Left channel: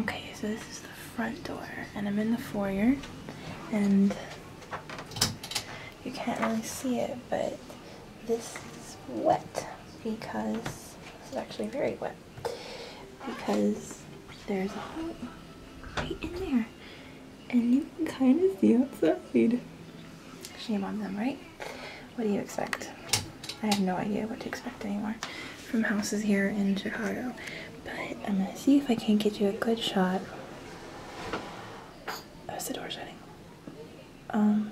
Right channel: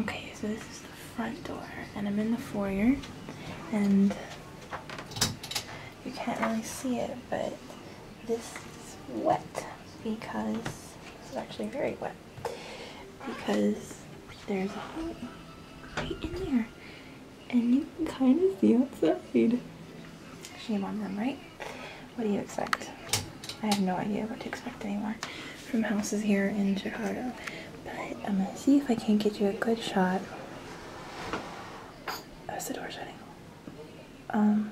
Okay, so this is the front door, and I'm in the foyer, and you can't really see it, but this is wet because it's actually very wet because there's a hole right in there, and you can kind of see outside. Shame on them, right? What do you expect? I have no idea what to expect anymore from houses here in Chicago, but I'm gonna see if I can get you a good shot. That's the door shutting. Oh,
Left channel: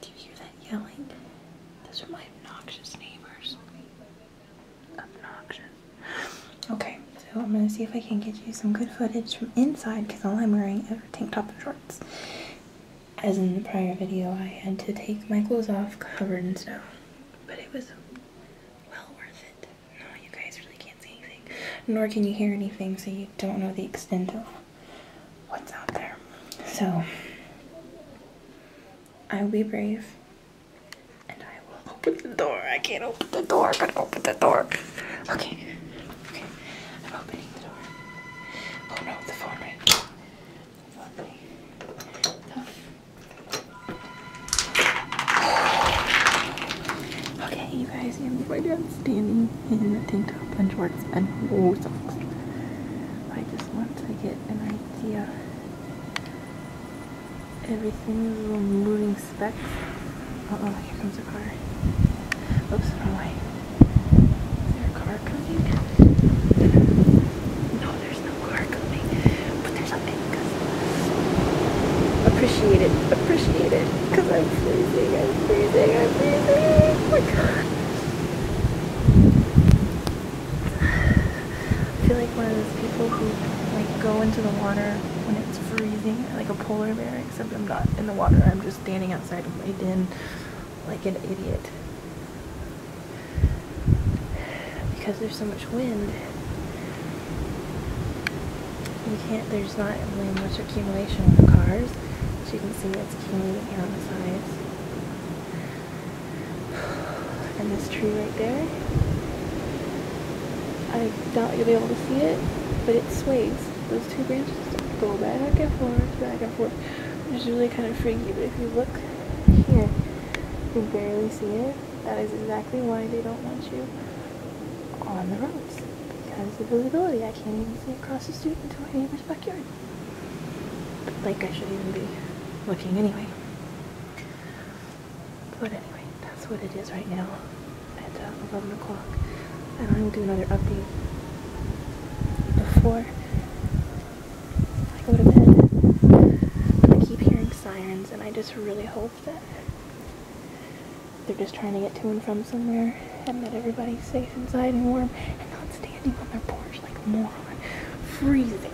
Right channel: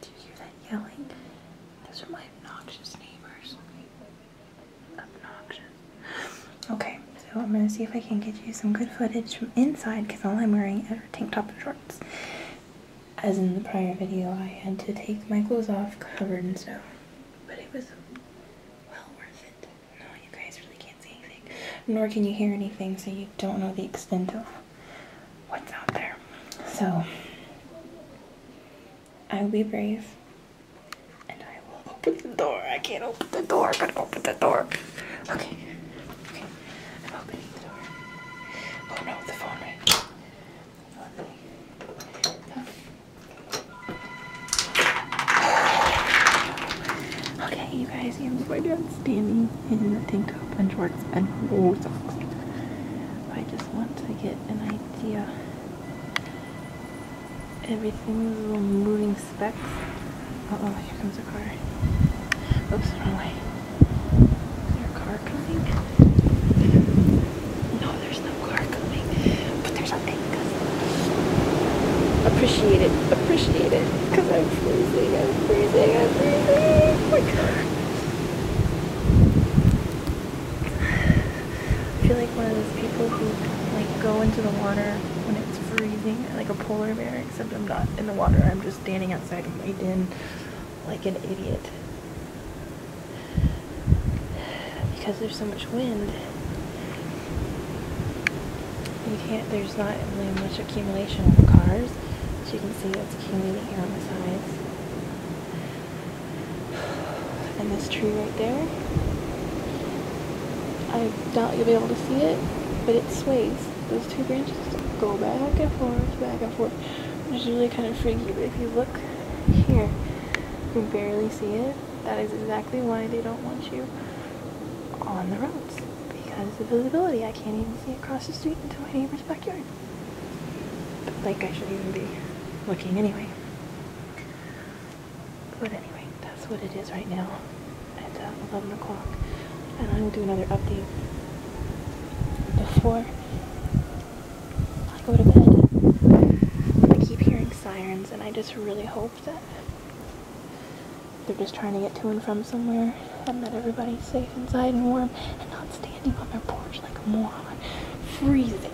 do you hear that yelling? Those are my obnoxious neighbors. Obnoxious. Okay, so I'm gonna see if I can get you some good footage from inside because all I'm wearing is a tank top and shorts. As in the prior video, I had to take my clothes off covered in snow, but it was well worth it. No, you guys really can't see anything, nor can you hear anything, so you don't know the extent of what's out there. So I will be brave, and I will open the door. I can't open the door. I gotta open the door. Okay, I'm opening the door. Oh no, the phone rang. The phone rang. Okay, you guys, my dad's standing in a tank top and shorts and no socks. I just want to get an idea. Everything's little moving specks. Uh-oh, here comes a car. Oops, wrong way. Is there a car coming? No, there's no car coming. But there's a big appreciate it, because I'm freezing. Oh my god. I feel like one of those people who like go into the water when it's freezing, like a polar bear, except I'm not in the water. I'm just standing outside of my den like an idiot. Because there's so much wind. There's not really much accumulation on the cars. As you can see, it's accumulating here on the sides. And this tree right there, I doubt you'll be able to see it, but it sways. Those two branches go back and forth, which is really kind of freaky. But if you look here, you can barely see it. That is exactly why they don't want you on the roads, because of visibility. I can't even see across the street into my neighbor's backyard. But like, I shouldn't even be looking anyway. But anyway, that's what it is right now at 11 o'clock. And I'm going to do another update before I go to bed. I keep hearing sirens, and I just really hope that they're just trying to get to and from somewhere, and that everybody's safe inside and warm, and not standing on their porch like a moron, freezing.